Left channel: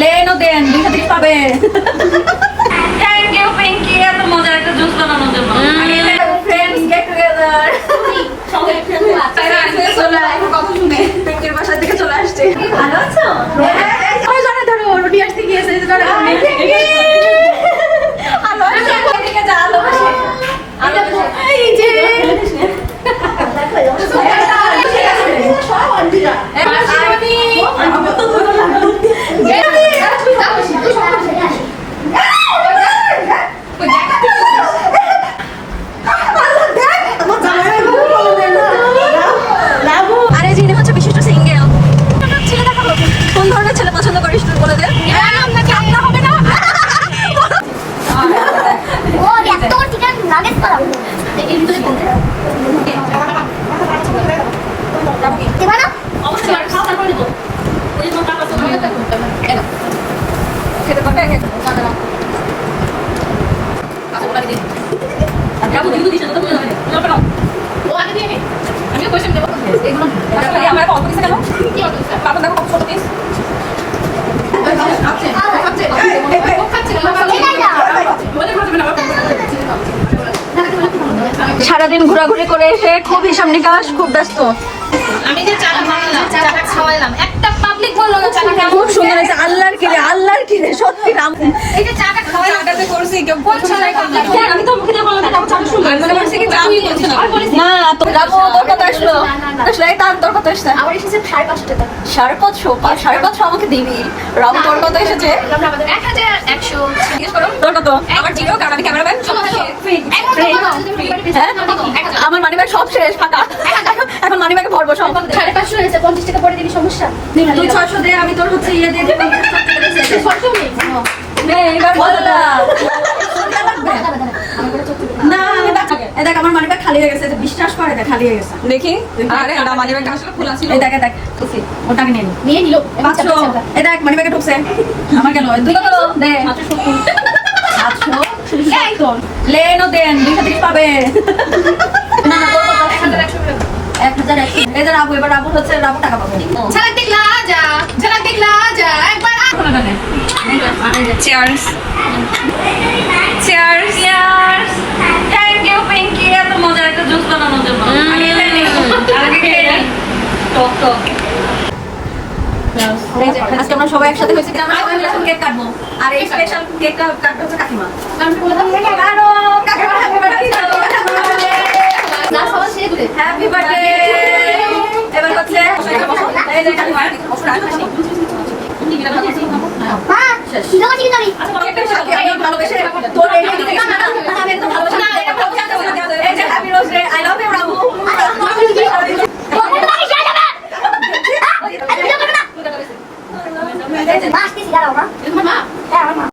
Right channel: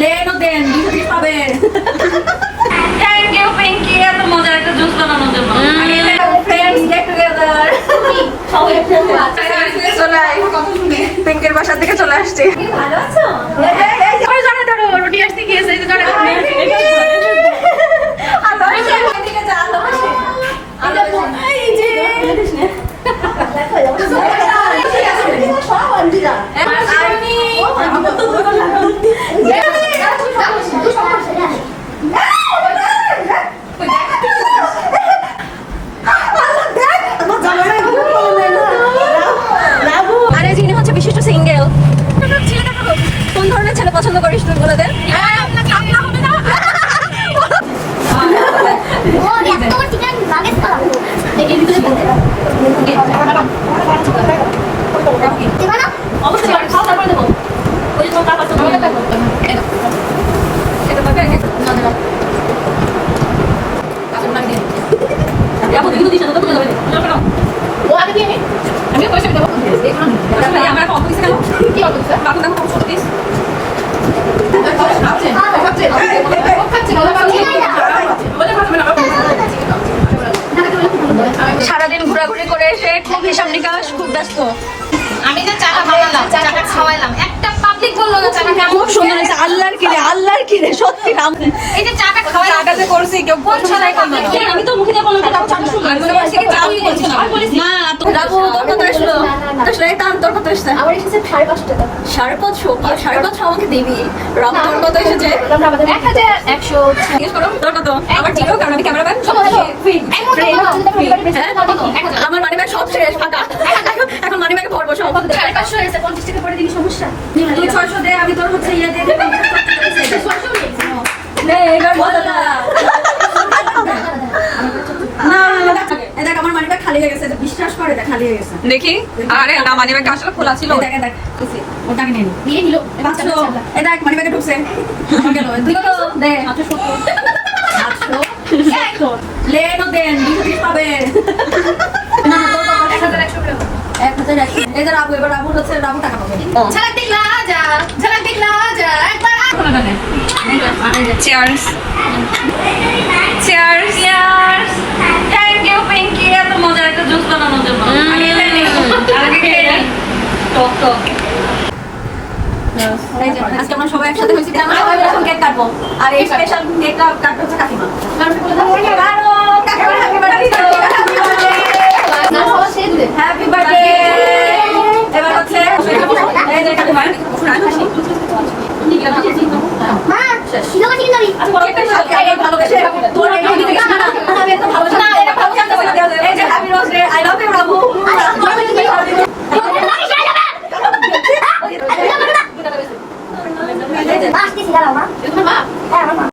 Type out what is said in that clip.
Lane দেন দিক পাবে। Thank you Pinki এত মজার একটা জুস বানানোর জন্য। ফ্রেন্ডস গেট টুগেদার চলে আয় কথা শুনে পিঙ্কের বাসার দিকে চলে আসছে। ভালো আছো ওই জন্য তো রুটি আসতে গিয়েছে এই জন্য এই যে আরে যিনি হচ্ছে বিশিষ্ট সিঙ্গেল ছেলে দেখাবো কোন ধরনের ছেলে পছন্দ করিস তুই বলে দে। কান্না হবে না? অবশ্যই আর খাওয়া তারপর দেবো। ওই জন্য তারপর তুমি খেতে পারবে আগে না না কাছে বাড়ি দিয়ে যাব দিদি দিদি তো বুঝে যাবে যাবে না ও আগে দিয়ে নে আমি কইছি দেবো এগুলো আসলে আমার একটা অফিসে গেল কি অফিসে বাবা দেখো কত দিস সারাদিন ঘোরাঘুরি করে খুব হিসাব খুব ব্যস্ত। আমি যে চাটা খাওয়াইলাম চাটা খাওয়াইলাম একটা পাবলিক বলল না চাটা খুব সুন্দর হয়েছে? আল্লাহর কিরে আল্লাহর কিরে সত্যি রাম। এই যে চাটা খাওয়াইলাম চাটা করছি কেউ বলছো না আমি তো মুখে বললাম না চাটা শুনলাম। কি চাটা না। না তো রাবু তোর কত আসলো আসলে। এই টান তোর কত এসেছে আমার এসেছে সাড়ে পাঁচশো টাকা সাড়ে পাঁচশো? সাড়ে পাঁচশো আমাকে দিবি? রাবু তোর কত এসেছে? এক হাজার একশো। জিজ্ঞেস করো তোর কত? আমার জিরো কারণ আমি ক্যামেরা ব্যাগ আমার ব্যাগ সব শেষ ফাঁকা। এখন মানি ব্যাগে ভরবো সব সাড়ে পাঁচশো হয়েছে পঞ্চাশ টাকা পরে দিবি সমস্যা? তুই ছয়শো দে আমি তোর হচ্ছে ইয়ে দিয়ে দিলাম ছয়শো নে, দেখ আমার মানিব্যাগ খালি হয়ে গেছে বিশ্বাস করে দেখ খালি হয়ে গেছে। দেখি। আরে না মানে ব্যাগটা আসলে খোলা ছিল। দেখ দেখ খুশি ওটাকে নিয়ে নে। নিয়ে নিল পাঁচশো। এই দেখ মানিব্যাগে ঢুকছে। আমার গেল। দুটো দে। সাতশো লেন ও দেন দিক পাবে। টাকা পাবে ঝালাক দেখলা যা ঝালাক দেখলা যা একবার চেয়ার্স চেয়ার্স you, পিঙ্কি এত মজার একটা জুস বানানোর জন্য। টক টক। আজকে আমরা সবাই একসাথে হয়েছি কিনা আমরা সবাই মিলে কেক কাটবো। আর এই স্পেশাল কেকটা কাটতে হচ্ছে কাকিমা। ভালোবেসে। তোর এই দিকে